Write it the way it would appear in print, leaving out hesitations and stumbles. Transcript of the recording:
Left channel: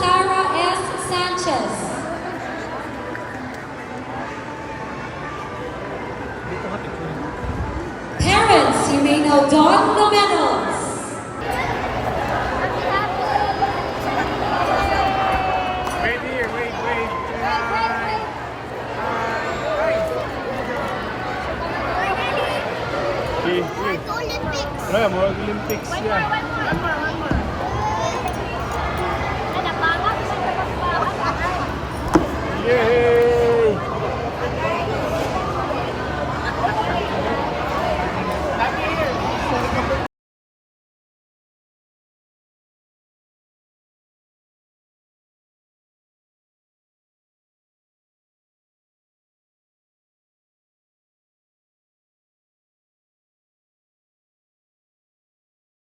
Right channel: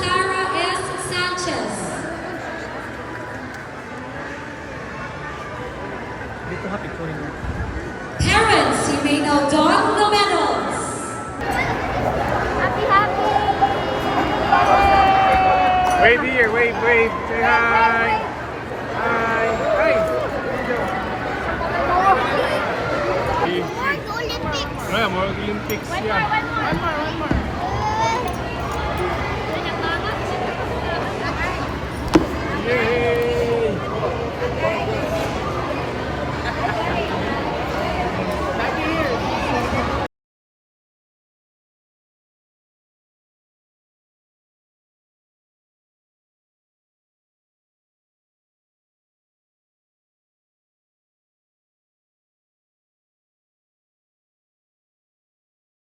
Tara S. Sanchez. Parents, you may now don the medals. Wave here, wave. Say hi. Hi. Hi. Here you go. Olympics. Yeah, more Olympics yan.